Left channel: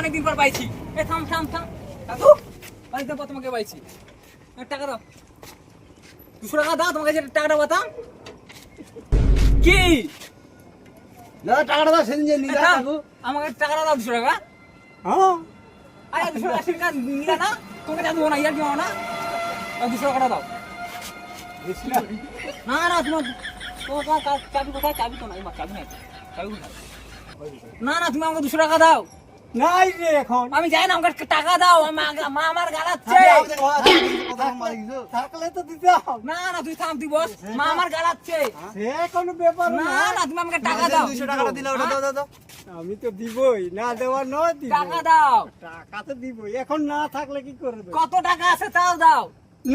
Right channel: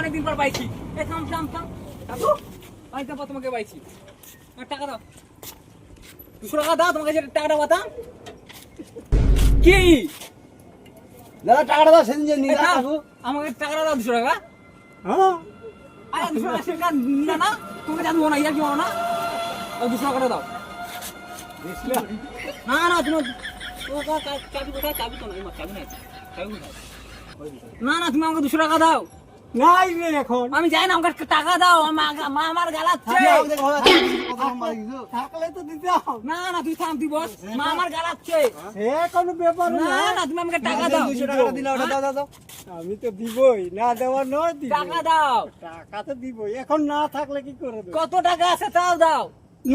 অনেকদিন পর পাইছি। এ থাম থাম থাম কাকু, অনেকদিন পর তোমাকে পাইছি। টাকা দাও, 200 টাকা দাও। তোমাকে যে টাকাটা বাতাম কি দাদা টাকাটা দাও, সেদিন যে নিয়ে থাম, যাবো। আমাকে টাকাটা দাও 200 টাকা। হ্যাঁ আরে 280 টাকা নিলা না, তোমাকে জানবো না, ইয়া কি না, ওই 200 টাকাটা দাও। বেশি না। না না তোমার চাবি কোথায়? চাবি তো নাই, চাবি নাই, চাবি কোথায়? না না তুমি আমাকে 200 টাকা দাও। নাই রে এখন। আমি যাই না, আমাকে টাকা দাও। মা আমার গালাচ্ছে। থাকলে তো দিতে হবে। না না তুই থাম, তুই বস। মা আমার গালাচ্ছে। সে কোনো ব্যাপার না না। না তুমি আমাকে টাকা দাও। 200 টাকাটা দিলে ওটা দাও, দাও, দাও। আমি তো দিবই, না দেওয়ার নয় দিব। টাকা দাও। টাকা তো দিবই, এখন না থাকলে কি করে দেব? কত টাকা আছে তাও দাও।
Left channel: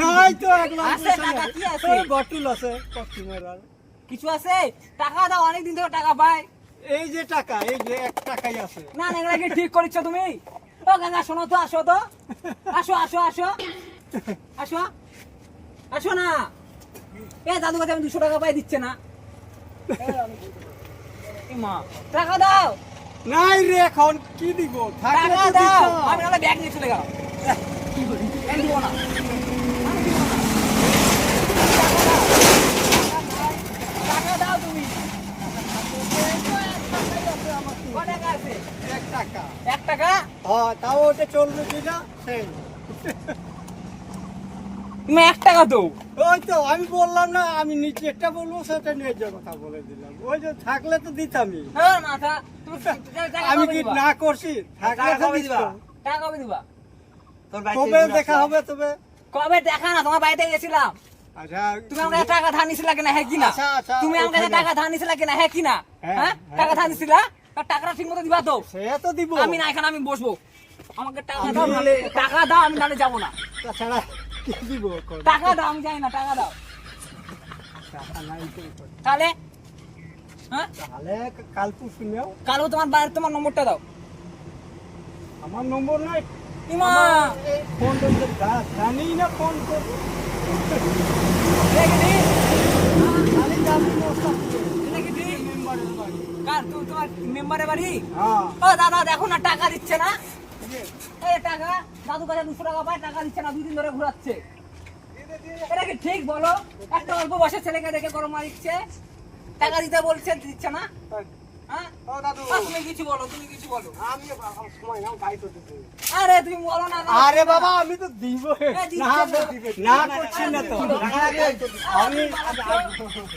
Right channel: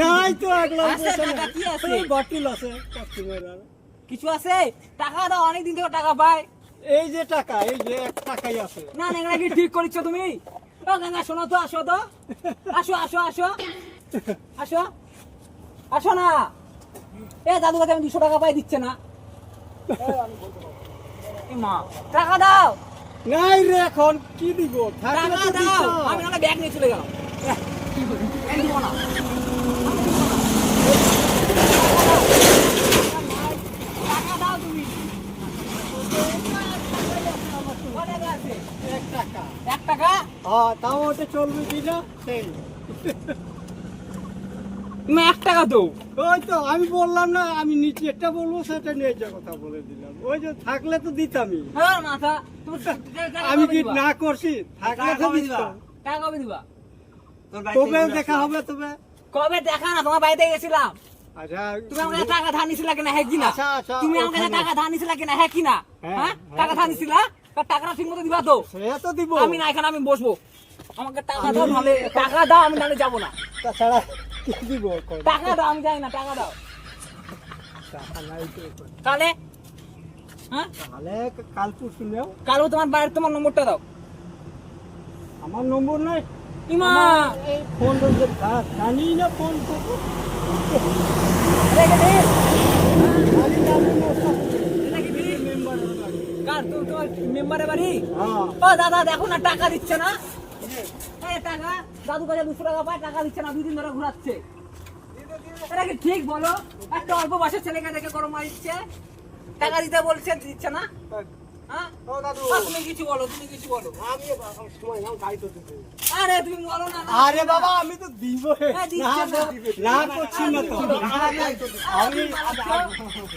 নাই তো আগলা আছে টাকা, কি আছে? বটুল আছে কাস্টমার আর। কিছু আছে? টাকা দাও, অনেকদিন ধরে টাকা পাই। এই যে টাকা, এই যে 1 টাকাই আছে। না না এটা কি ঠিক করেছো তুমি? ও গঙ্গা শোনো তো, আসো তো, আসো আসো আসো আসো আসো না। এ দাদু কাছে আমি 200 টাকা পাই, দিচ্ছে না। এ মা টাকা দাও, নাই রে এখন কি দিব? থাকলে টাকা তো দাও। দিতে হবে। আমি নাহলে ব্যাগ নিয়ে চলে গেলাম। কি করি? আমি দিব না, টাকা দাও তুমি। কত টাকা আছে? 1 টাকা। 1 টাকা? হ্যাঁ, তাও ওটা চলবে কিনা সেই। তুমি 1 টাকা দাও। ওই তো আমি বললাম না, আমি নিচেরটা বলবো সেটা নিয়ে যে কথা বলে দিলাম। ওই যে থাকলে তো দিতামই। হ্যাঁ মাথা, তুমি টাকা আমি কবে কি দিবা? না করছি? থাকলে তো দিতাম। টাকা কবে দিবা? কবে দেখা হবে তবে? কবে দেখা না, তোমার বাড়িতে গেছিলাম। আচ্ছা তুমি আমাকে টাকা ধার নিছিলা কিনা, হ্যাঁ কিনা? আচ্ছা, আচ্ছা, তুমি আমাকে ওখানে- টাকা ধার নিছিলা কিনা, হ্যাঁ কিনা? হ্যাঁ, হ্যাঁ হ্যাঁ। টাকা ধার নিছিলা, আর টাকাটা ঠিক মতো দিবা তো? সে তো দিব। আমি না, এখানে আমি বসবো। আমাকে টাকা দাও, নাহলে টাকা দাও, আমি নাহলে যাবো না। তাছাড়া কি দিব এখন? টাকা দাও, আমি যাই না, টাকা দাও। টাকা নাই তো এখন। কালে হ্যাঁ তাহলে কাল পরশু নেও। কালও তোমার বাড়ির তোমার নম্বরটা দাও। আমার নম্বর নাই। ইমা এই ফোন করতে জানি না ফোন করতে। কার তো তোমার মেম্বারের বাড়ি? হ্যাঁ ও দাদা দেখো না, টাকা দিচ্ছে না। এই টাকা দাদু কাছে 200 টাকা পায়, টাকা দিচ্ছে না, 2 দিন ধরে ঘুরাচ্ছে। এটা কি ঠিক বলো? একটা অল্প বয়সের ছেলেকে দেখে গরম মারিচ্ছে, টাকা দিতে বলছে, দিচ্ছে না। হ্যাঁ ও দাদু ও, তুমি কিছু বলো, তুমি কিছু বলো। আমি সময় নাও, গাড়ি তো দিব। আরে তুমি বলো না। আরে বাবা আমি তো দিব দিচ্ছ না করছি না তো আমি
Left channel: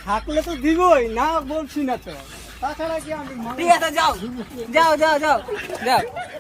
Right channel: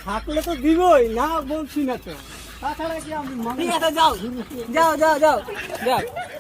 থাকলে তো দিবই, না বলছি না তো। তাছাড়া কি আমি ঠিক আছে, যাও যাও যাও যাও যাও।